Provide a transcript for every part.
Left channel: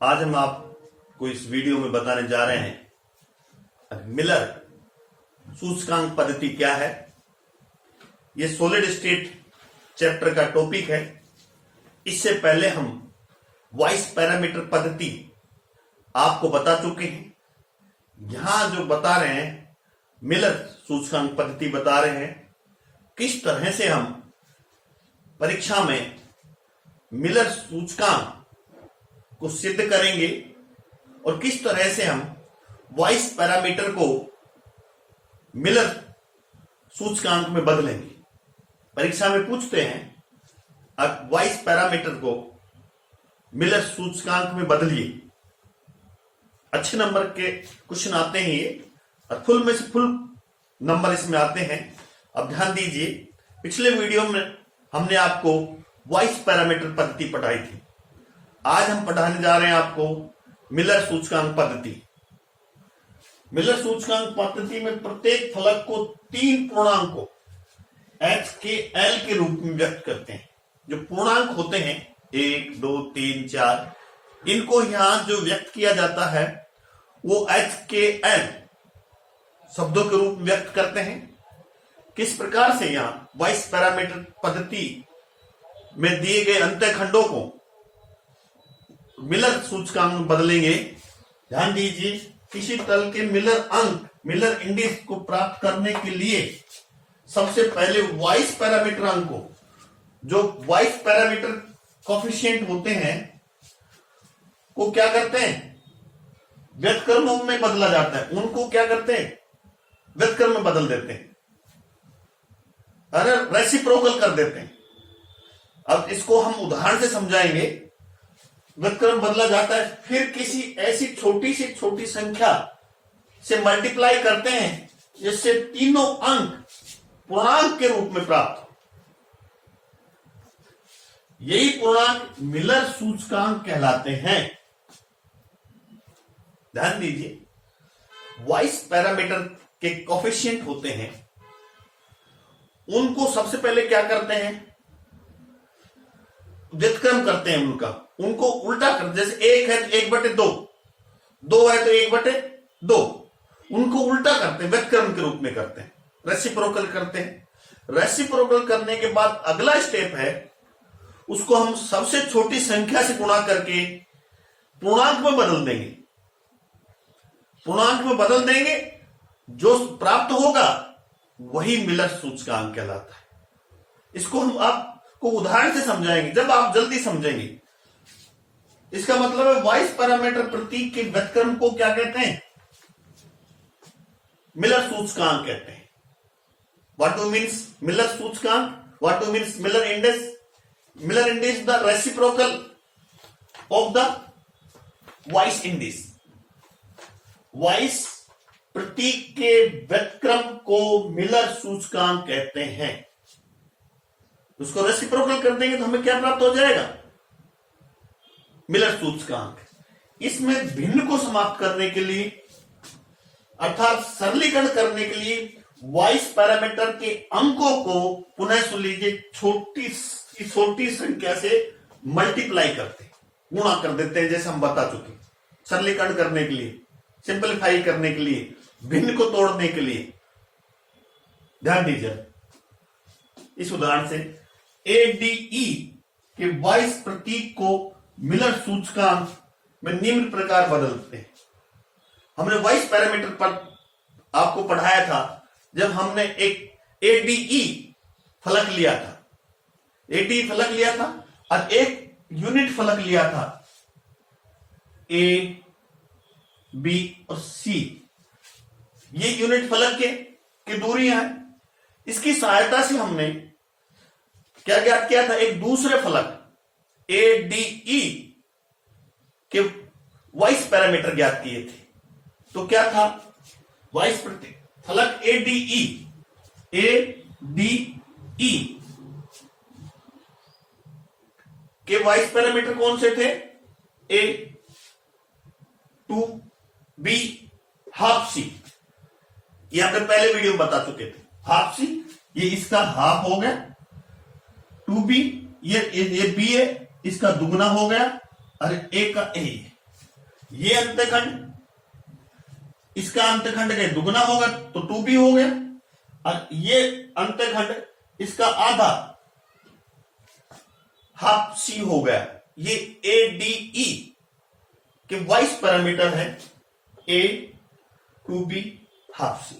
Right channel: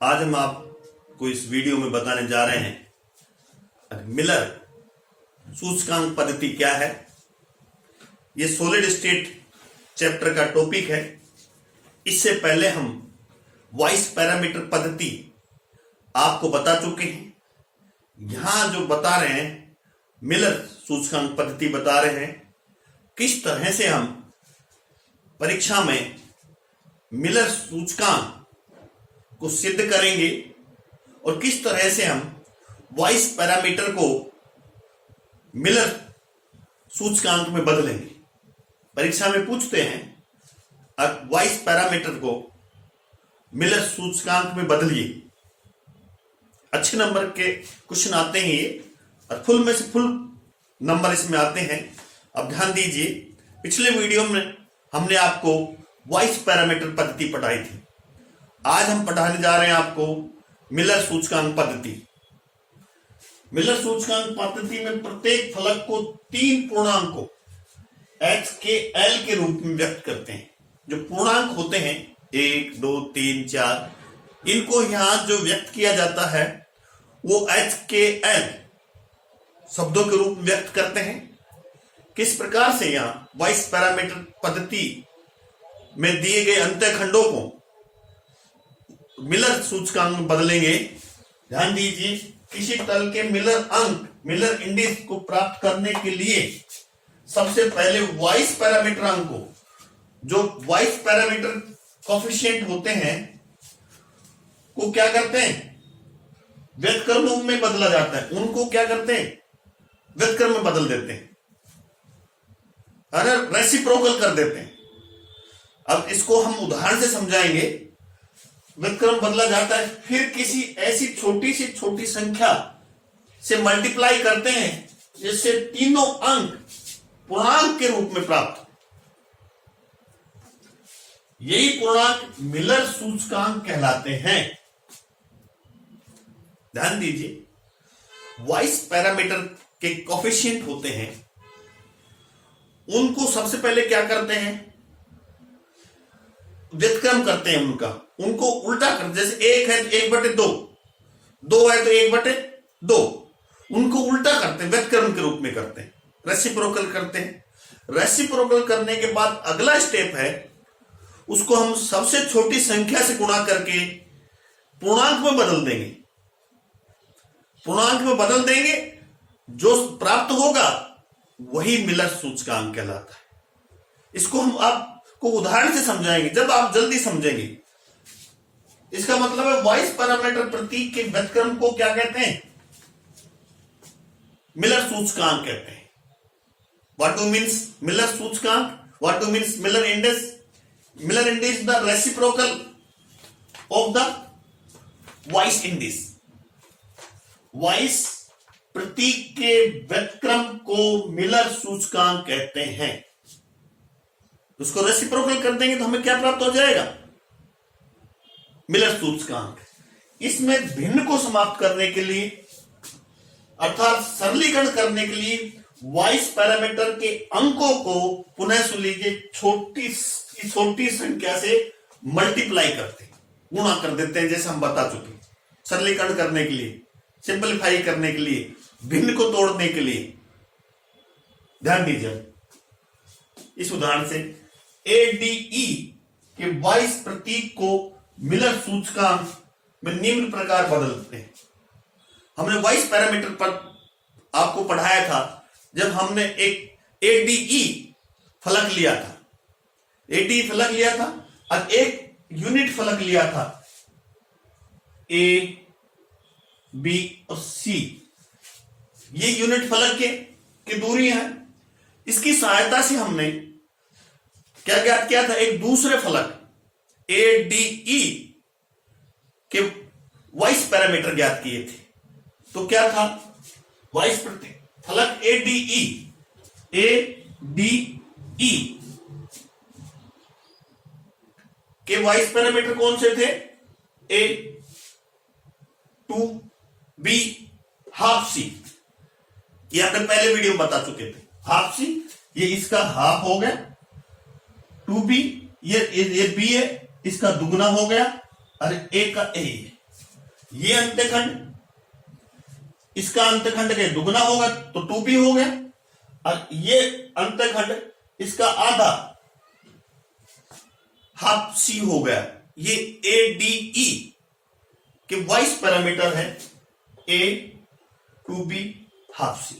आज हम आपको इस वीडियो में बताने जा रहे हैं मिलर सूचकांक पद्धति क्या है। यह सॉलिड स्टेट चैप्टर का टॉपिक है। इससे पहले हम वॉइस पैरामीटर पद्धति आपको बता चुके हैं। यहां जो बता रहे हैं मिलर सूचकांक पद्धति बता रहे हैं किस तरह से हम परीक्षा में मिलर सूचकांक को सिद्ध करेंगे और किस तरह से हम वॉइस पैरामीटर को मिलर सूचकांक में बदलेंगे। परीक्षा में पूछते हैं वॉइस पैरामीटर को मिलर सूचकांक में बदलिए। अच्छे नंबर के क्वेश्चन आते हैं ये और फुल में से फुल नंबर इसमें आते हैं। अब ध्यान दीजिए, पिछले वीडियो में हमने आपको वॉइस पैरामीटर पद्धति पढ़ाई थी। आज हम पढ़ाने जा रहे हैं आपको मिलर सूचकांक पद्धति। मिलर सूचकांक पद्धति में प्रत्येक फलक को 3 पूर्णांकों h के l के रूप में व्यक्त करते हैं। जो पूर्णांक होते हैं 1, 2, 3, 4, इनको यहां जो व्यक्त किया जाता है वो h के l शब्दों के रूप में व्यक्त करते हैं। किस प्रकार से यहां वॉइस पैरामीटर पद्धति में दिए गए अंतःखंडों को मिलर सूचकांक में बदलेंगे। ध्यान दीजिए, किसी तल के मिलर अंक मिलर इंडेक्स को प्राप्त करने के लिए सबसे पहले वॉइस पैरामीटर अंक को, जो वॉइस पैरामीटर कोफिशिएंट होते हैं, को क्या करते हैं, व्युत्क्रम रूप में बदला जाता है। उनको क्या करते हैं, व्युत्क्रम में बदल देते हैं, अरे रेसिप्रोकल कर देते हैं। अब इसको हम उदाहरण से समझाएंगे। व्युत्क्रम बदला जाता है, फिर किसी ऐसी छोटी से छोटी संख्या से मल्टीप्लाई करते हैं जिससे तीनों अंक पूर्णांक के रूप में प्राप्त हो। यही पूर्णांक मिलर सूचकांक कहलाते हैं। ध्यान दीजिए, वॉइस पैरामीटर के कोफिशिएंट होते हैं, उनको सबसे पहले क्या करते हैं, व्युत्क्रम करते हैं। उनको उल्टा करते, जैसे 1 है तो 1/2, 2 है तो 1/2, उनको उल्टा करते हैं, व्युत्क्रम के रूप में करते हैं, रेसिप्रोकल करते हैं। रेसिप्रोकल करने के बाद अगला स्टेप है, उसको हम सबसे छोटी संख्या से गुणा करके पूर्णांक में बदल देंगे। पूर्णांक में बदल देंगे, जो प्राप्त होगा वही मिलर सूचकांक कहलाता है। इसको हम आपको उदाहरण से समझाएंगे, जब आप जल्दी समझेंगे। इसका मतलब है वॉइस पैरामीटर प्रतीक के व्युत्क्रम को क्या कहते हैं, मिलर सूचकांक कहते हैं। व्हाट डू मीन्स मिलर सूचकांक, what do means Miller index. Miller index the reciprocal of the Weiss index. Weiss प्रतीक के व्युत्क्रम को मिलर सूचकांक कहते हैं। उसको रेसिप्रोकल कर देंगे तो हमें क्या प्राप्त हो जाएगा, मिलर सूचकांक। इसमें भिन्न को समाप्त करने के लिए अर्थात सरलीकरण करने के लिए वॉइस पैरामीटर के अंकों को पुनः सुन लीजिए, छोटी संख्या से मल्टीप्लाई करते, गुणा कर देते हैं, जैसे हम बता चुके। सरलीकरण करने के लिए, सिंपलीफाई करने के लिए, भिन्न को तोड़ने के लिए। ध्यान दीजिए, इस उदाहरण से ADE के वॉइस प्रतीक को मिलर सूचकांक में निम्न प्रकार बदलते हैं। हमने वॉइस पैरामीटर पर आपको पढ़ाया था जब हमने एक ADE फलक लिया था। ADE फलक लिया था और एक यूनिट फलक लिया था, A, B और C। ये यूनिट फलक की दूरियां हैं। इसकी सहायता से हमने क्या ज्ञात किया था, एक दूसरे फलक ADE के वॉइस पैरामीटर ज्ञात किए थे। तो क्या था, वॉइस फलक ADE के वॉइस पैरामीटर कौन से थे, A, 2, B, हाफ C। ये आपने पहले वीडियो में बता चुके थे। हाफ C, ये इसका हाफ हो गया, 2B, ये B है, इसका दुगना हो गया, और A का A। ये अंत्यखंड, इसका अंत्यखंड के दुगना होगा तो 2p हो गया, और ये अंत्यखंड इसका आधा हाफ c हो गया। ये ADE के वाइस पैरामीटर है, A 2p half c।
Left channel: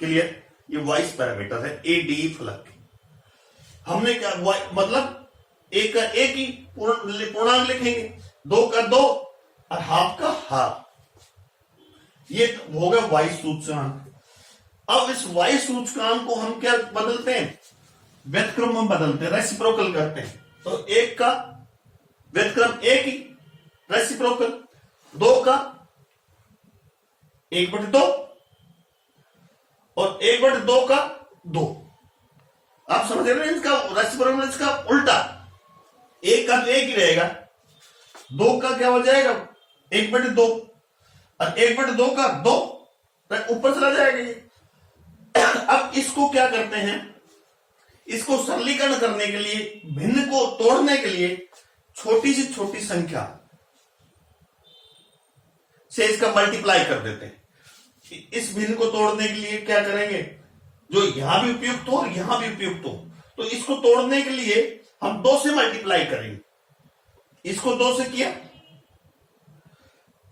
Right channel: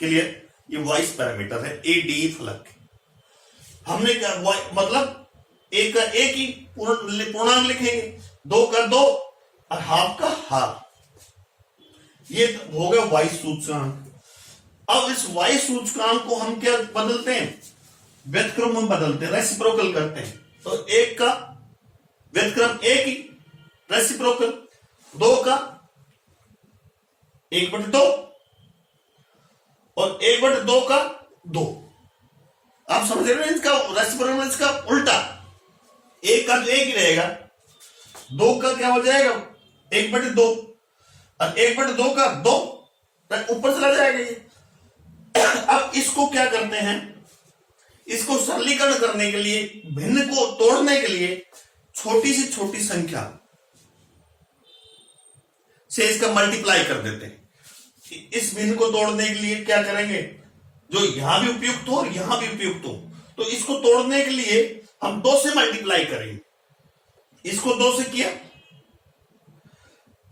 Clear? ये वाइस पैरामीटर है ADE फलक के। हमने क्या मतलब एक का एक ही पूर्णांक लिखेंगे, 2 का 2 और हाफ का हाफ। ये हो गया वाई सूचकांक। अब इस वाई सूचकांक को हम क्या बदलते हैं, व्युत्क्रम में बदलते हैं, रेसिप्रोकल करते हैं। तो 1 का व्युत्क्रम 1 ही, रेसिप्रोकल 2 का 1/2 और 1/2 का 2। आप समझ रहे हैं? इसका रेसिप्रोकल, इसका उल्टा, 1 का तो 1 ही रहेगा, 2 का क्या हो जाएगा 1/2 और 1/2 का 2 ऊपर चला जाएगा ये। अब इसको क्या करते हैं, इसको सरलीकरण करने के लिए, भिन्न को तोड़ने के लिए छोटी सी छोटी संख्या से इसका मल्टीप्लाई कर देते हैं। इस भिन्न को तोड़ने के लिए क्या करेंगे, जो यहां भी उपयुक्त हो और यहां भी उपयुक्त हो, तो इसको तोड़ने के लिए हम 2 से मल्टीप्लाई करेंगे। इसको 2 से किया,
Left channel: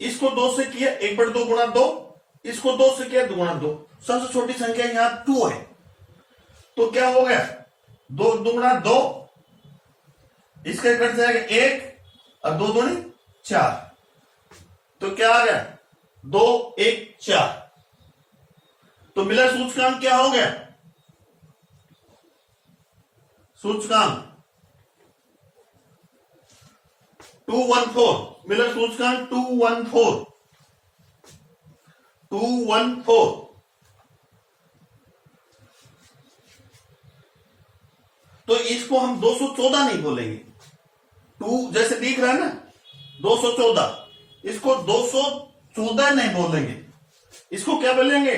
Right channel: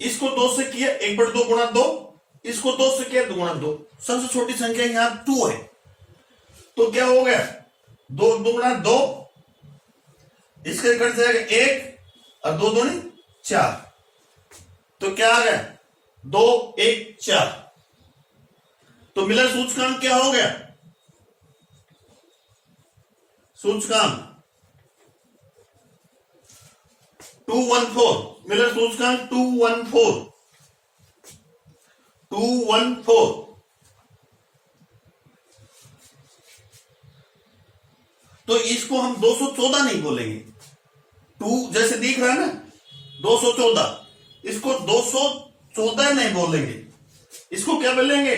इसको 2 से किया, 1/2 गुणा 2, इसको 2 से किया 2 गुणा 2। सबसे छोटी संख्या यहां 2 है, तो क्या हो गया 2 गुणा 2, इसका कट जाएगा 1 और 2 दूनी 4, तो क्या आ गया 2 1 4। तो मिलर सूचकांक क्या हो गया, सूचकांक 214, मिलर सूचकांक 214। तो इसको हम 214 नहीं बोलेंगे, 2 जैसे दिख रहा है ना 214, इसको 214 नहीं बोलेंगे, इसको क्या बोलेंगे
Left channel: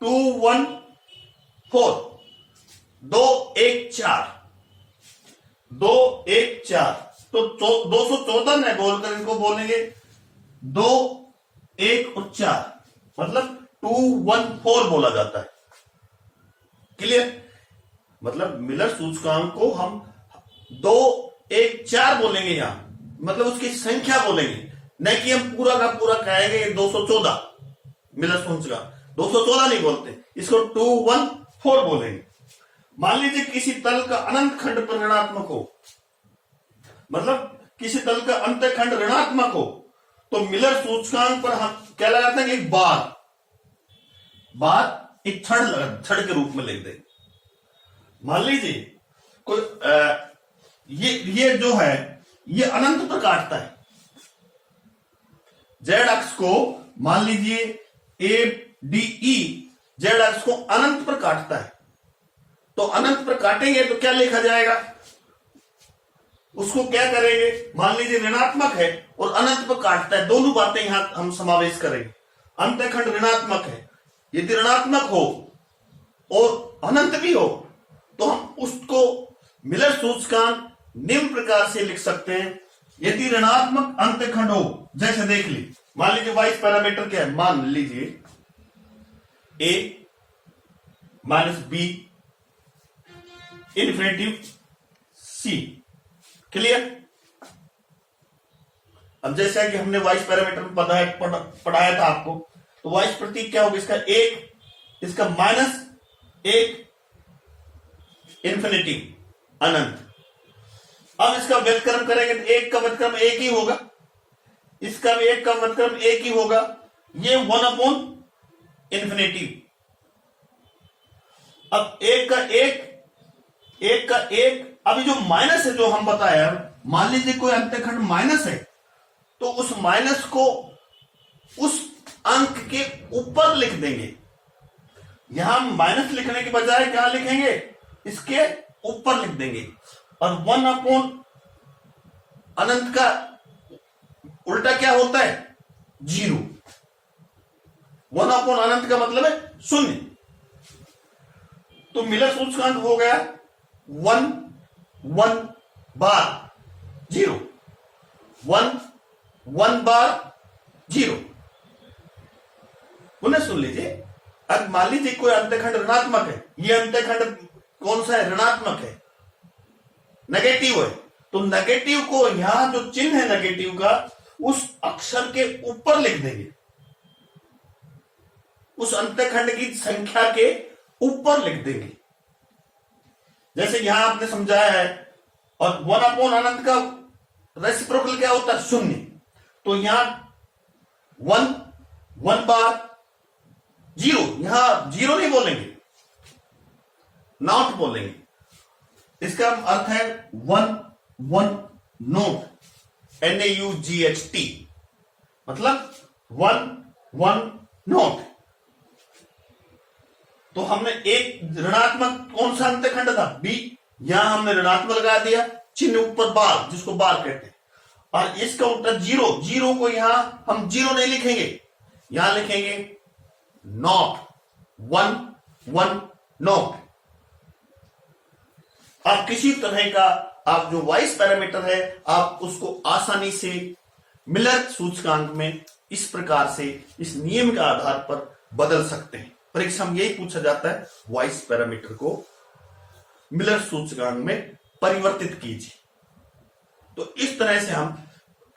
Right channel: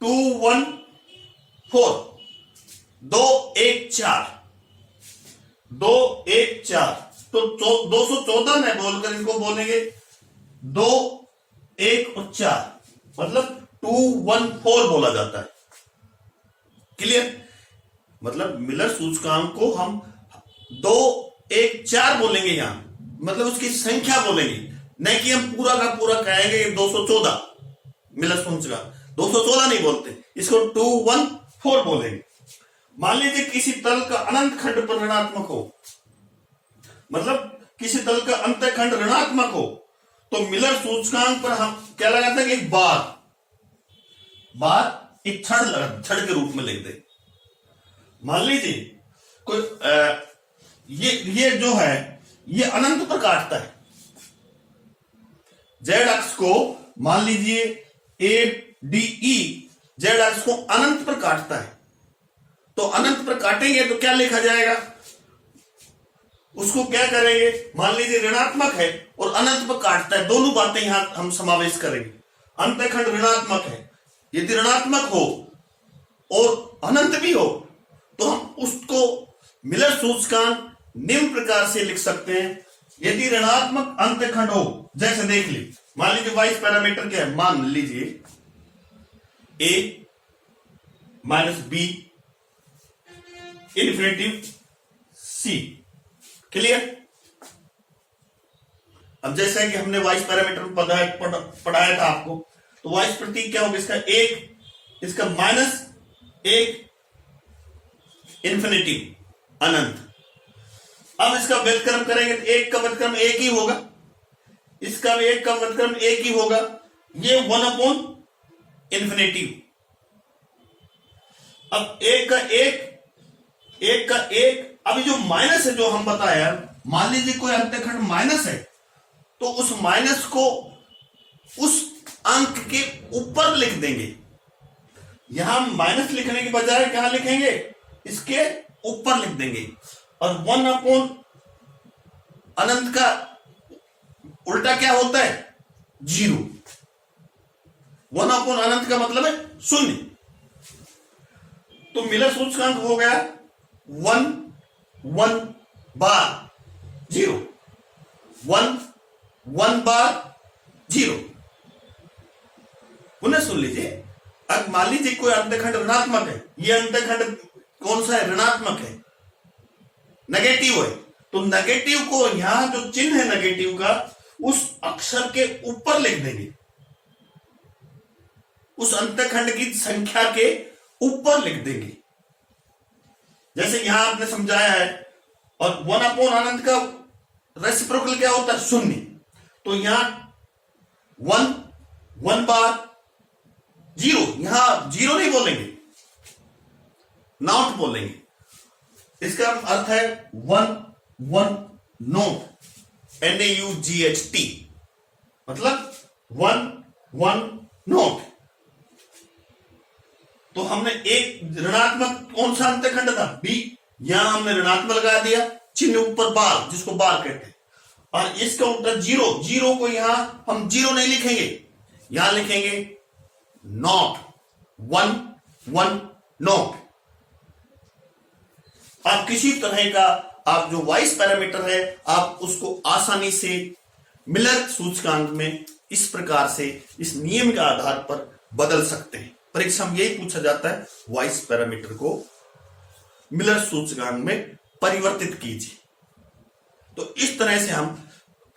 214, 214, 214। तो 214 नहीं बोलकर इनको बोलेंगे 2 1 और 4, मतलब 214 बोला जाता है। क्लियर? मतलब मिलर सूचकांक को हम 2 1 4 बोलेंगे यहां, मतलब उसकी संख्या बोलेंगे, नहीं कि हम पूरा का पूरा कहेंगे 214 मिलर सूचकांक। 214 नहीं बोलते, इसको 214 बोलेंगे। मान लीजिए किसी तल का अनंत खंड पर ऋणात्मक हो, मतलब किसी तल का अंतखंड ऋणात्मक हो, तो मिलर सूचकांक पर हम क्या लगाते हैं, एक बार एक छड़ के रूप में लिख दे। मान लीजिए कोई ये जो है ये अनंत पर काटता है, जेड अक्ष को मान लीजिए ADE जेड अक्ष को अनंत पर काटता है, तो अनंत पर काटेंगे तो क्या लिखा जाएगा, उसको क्या करेंगे, मान लीजिए ऋणात्मक है और अनंत पर काटता है, दोनों बातें यहां हम समावेश करेंगे। अंतखंड ऋणात्मक है, यदि ऋणात्मक हो और अनंत भी हो तो हम उसको मिलर सूचकांक निम्न प्रकार से लिख सकते हैं। यदि ऋणात्मक अंतखंड हो, जैसे देख ली, मान लीजिए वाइस पैरामीटर क्या है, मान लीजिए A - B infinitive C। Clear? अब जैसा कि हमने वाइस पैरामीटर पढ़ाया था आपको, तो वाइस प्रतीक क्या होगा, इसका 1, इसका -1 इन्फिनिटी अनंत। अब इसका व्युत्क्रम करेंगे तो 1 का व्युत्क्रम 1 ही होगा, इसका भी 1 का व्युत्क्रम 1 ही होगा, ये 1/इन्फिनिटी। अब 1 का 1, अभी जो माइनस है जो हम बताया, मान लीजिए कोई अंतखंड माइनस है, तो उस माइनस को उस अंक के ऊपर लिख देंगे। यहां माइनस लिखने के बजाय क्या लिखेंगे, इसके ऊपर लिख देंगे। और 1/अनंत का उल्टा क्या होता है, 0। 1/अनंत का मतलब है 0। तो मिलर सूचकांक हो गया 1 1 बार 0, 1 1 बार 0। पुनः सुन लीजिए, अब मान लीजिए कोई अंतखंड ऋणात्मक है, ये अंतखंड कौन सा है, ऋणात्मक है, नेगेटिव है, तो नेगेटिव को यहां जो चिन्ह है नेगेटिव का उस अक्षर के ऊपर लिख देंगे, उस अंतखंड की संख्या के ऊपर लिख देंगे। जैसे यहां आपने समझाया है, और 1/अनंत का रेसिप्रोकल क्या होता है, 0। तो यहां 1 बार 0, यहां 0 नहीं बोलेंगे, नॉट बोलेंगे। इसका अर्थ है 1 नॉट, NAUGHT, मतलब 1 नॉट। तो हमने एक ऋणात्मक कौन सा अंतखंड था, B, यहां हमने ऋणात्मक लगा दिया, चिन्ह ऊपर बार, जिसको बार कहते हैं। और इसका उत्तर 0 को यहां हम 0 नहीं लिखेंगे, यहां लिखेंगे नॉट, 1 नॉट। आप किसी तरह का आप जो वॉइस पैरामीटर है आप उसको आसानी से मिलर सूचकांक में इस प्रकार से इस नियम के आधार पर बदल सकते हैं। परीक्षा में यही पूछा जाता है, वॉइस पैरामीटर को मिलर सूचकांक में परिवर्तित कीजिए। तो इस तरह से हम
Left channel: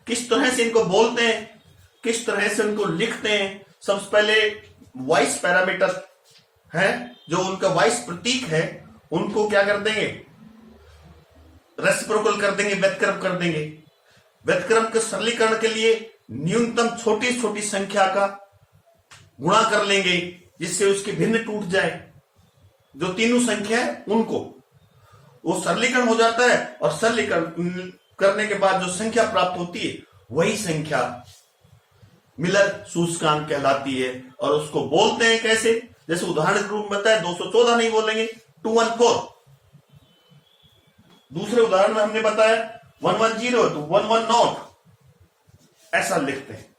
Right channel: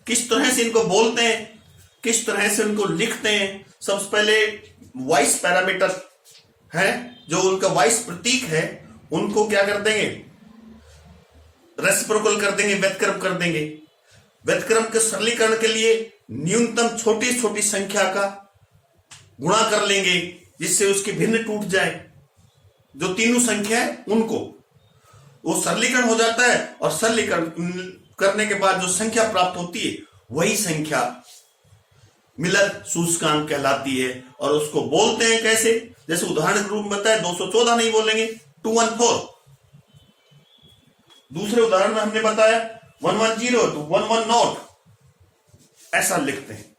किस तरह से इनको बोलते हैं, किस तरह से उनको लिखते हैं। सबसे पहले वॉइस पैरामीटर है, जो उनका वॉइस प्रतीक है, उनको क्या कर देंगे, रेसिप्रोकल कर देंगे, व्युत्क्रम कर देंगे। व्युत्क्रम के सरलीकरण के लिए न्यूनतम छोटी छोटी संख्या का गुणा कर लेंगे, जिससे उसकी भिन्न टूट जाए। जो तीनों संख्या है उनको वो सरलीकरण हो जाता है, और सरलीकरण करने के बाद जो संख्या प्राप्त होती है वही संख्या मिलर सूचकांक कहलाती है। और उसको बोलते हैं कैसे, जैसे उदाहरण के रूप में बताया, 214 नहीं बोलेंगे, 214। दूसरे उदाहरण में हमने बताया 110 to 110, ऐसा लिखते हैं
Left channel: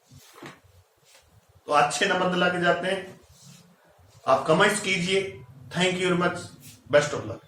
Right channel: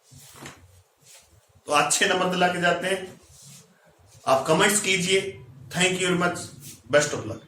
तो अच्छे नंबर दिला के जाते हैं। आप कमेंट्स कीजिए। Thank you very much, best of luck.